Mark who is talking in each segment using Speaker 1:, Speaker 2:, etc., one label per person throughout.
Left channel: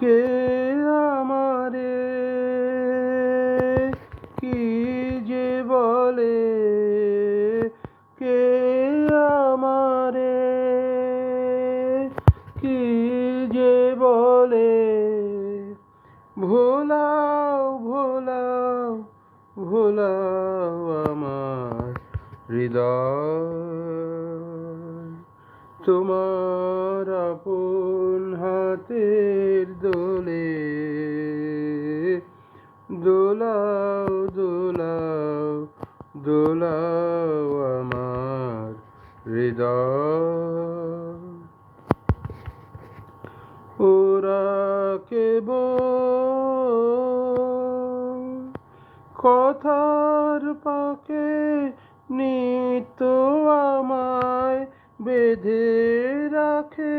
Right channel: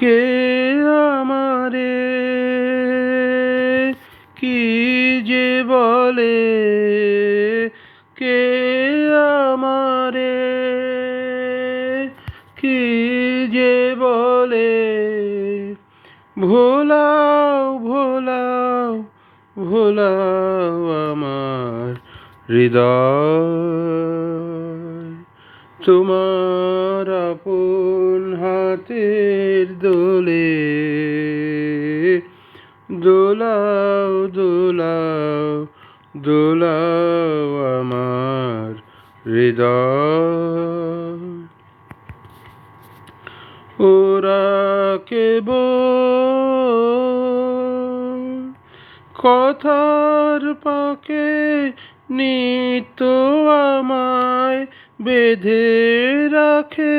Speaker 1: কে আমারে? কি যে বলে? কে আমারে? কি যে বলে? ভোলাও ভোলাও ভোলাও আমার হৃদয়। তোমার আপন হাতের দোলে দোলাও দোলাও দোলাও আমার হৃদয়। ওরা কেব কথার পাকে নিত আমায় বেঁধে রাখে।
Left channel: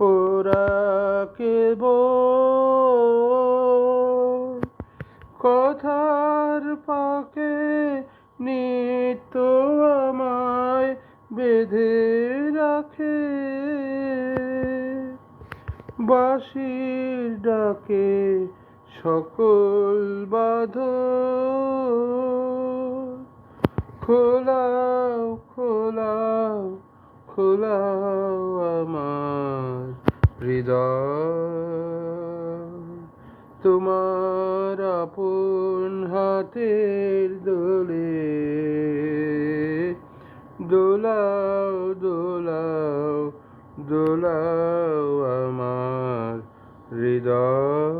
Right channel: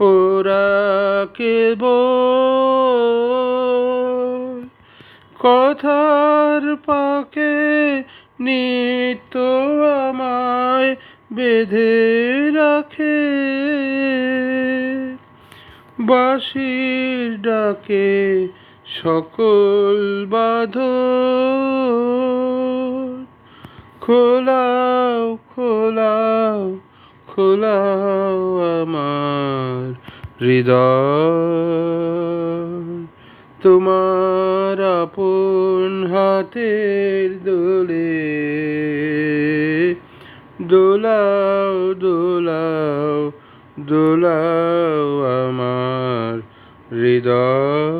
Speaker 1: ওরা কেব কথার পাকে নিত আমায় বেঁধে রাখে। বাঁশির ডাকে সকল বাধ খোলাও খোলাও খোলাও আমার হৃদয়। তোমার আপন হাতের দোলে দোলাও দোলাও দোলাও আমার হৃদয়।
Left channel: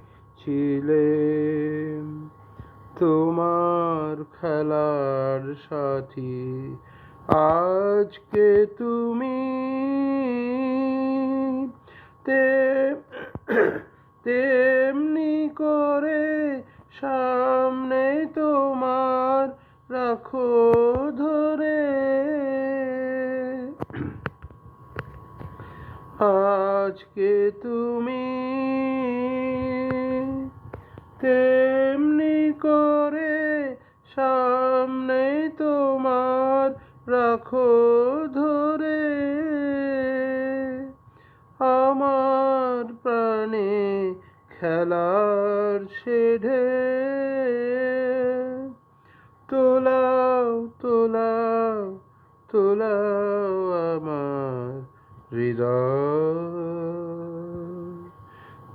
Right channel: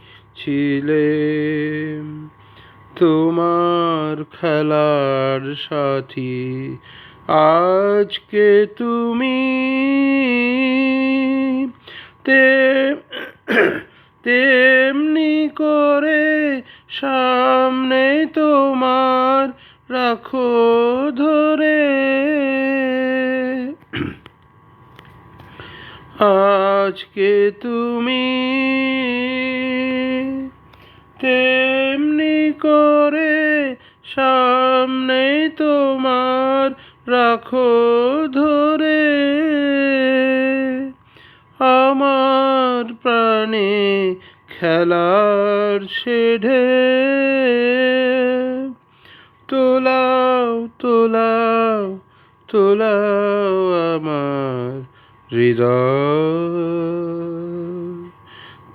Speaker 1: ছিলে। তোমার খেলার সাথী আজকে তুমি তেমনি করে সামনে তোমার রাখো ধরে। আজকে তুমি আমার প্রাণে খেলার শেঢে তোলাও তোলাও তোলাও আমার হৃদয়।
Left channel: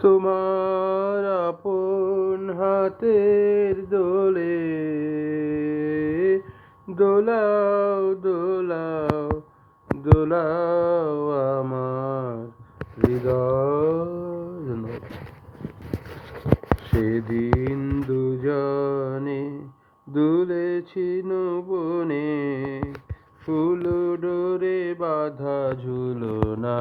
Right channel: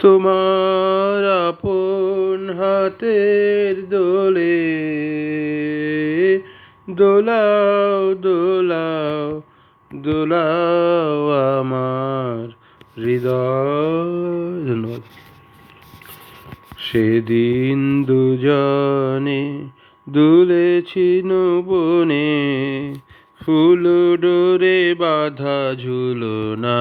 Speaker 1: তোমার আপন হাতের দোলে দোলাও দোলাও দোলাও আমার হৃদয় সেদিন দুজনে দুলেছি বনে ফুল ডোরে বাধা ঝুলো না।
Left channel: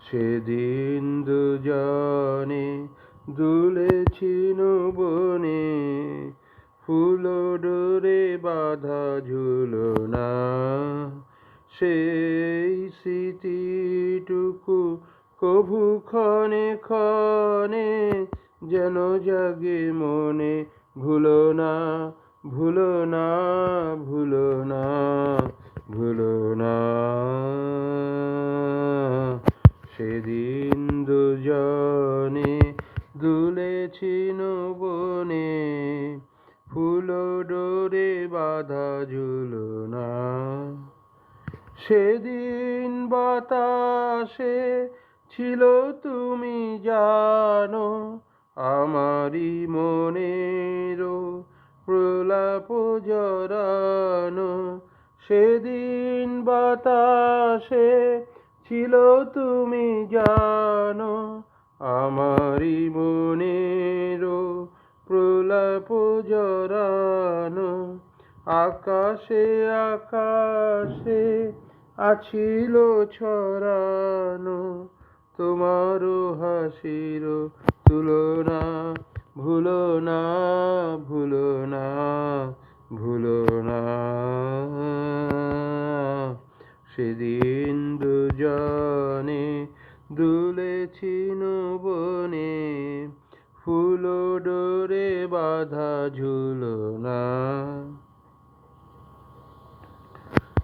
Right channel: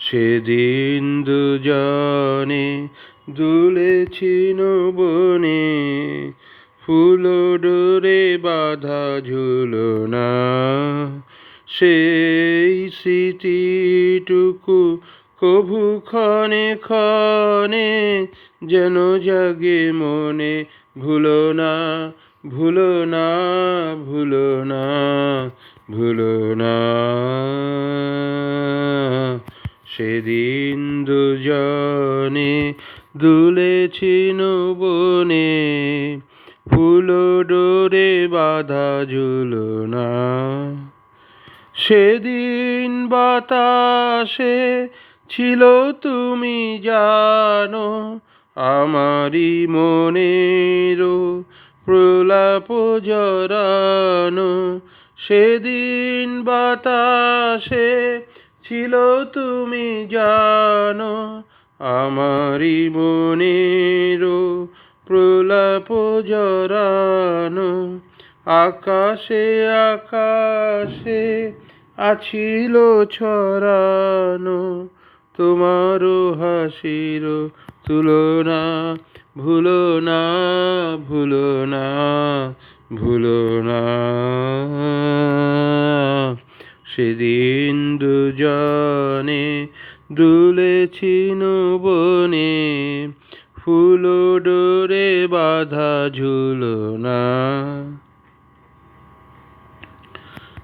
Speaker 1: সেদিন দুজনে দুলেছি বনে ফুল ডোরে বাধা ঝুলো না। সেই স্মৃতিটুকু কভু ক্ষণে ক্ষণে যেন জাগে মনে, ভুলো না ভুলো না ভুলো না ভুলো না। সেদিন দুজনে দুলেছি বনে ফুল ডোরে বাধা ঝুলনা সেদিন বাতাসে ছিল তুমি জানো, আমারই মনেরও প্রলাপ জরানো সেদিন বাতাসে ছিল তুমি জানো, আমারই মনেরও প্রলাপ জরানো আকাশে আকাশে আছিল ছড়ানো, তোমারও হাসির তুলনা। ভুলো না ভুলো না ভুলো না। সেদিন দুজনে দুলেছি বনে ফুল ডোরে বাধা ঝুলো না।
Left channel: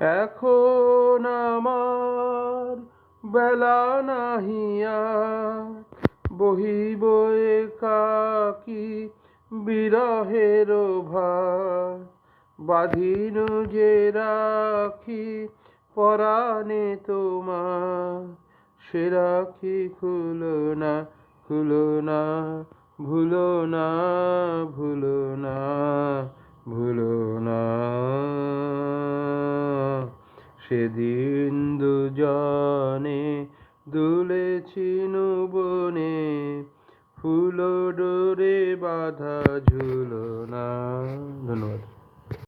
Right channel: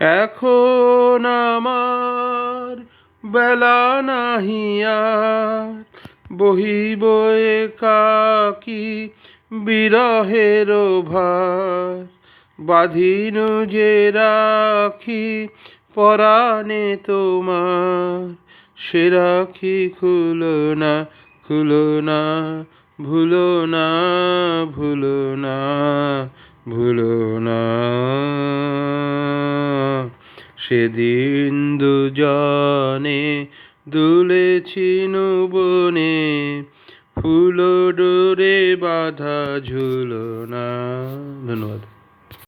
Speaker 1: এখন আমার বেলা নাহিয়া বহিব কাকি বিরহের ভার। বাঁধিন যে রাখি পরাণে তোমার। সে রাখি খুলো না খুলো না, ভুলো না ভুলো না ভুলো না। সেদিন দুজনে দুলেছি বনে ফুল ডোরে বাধা ঝুলো না। ধন্যবাদ।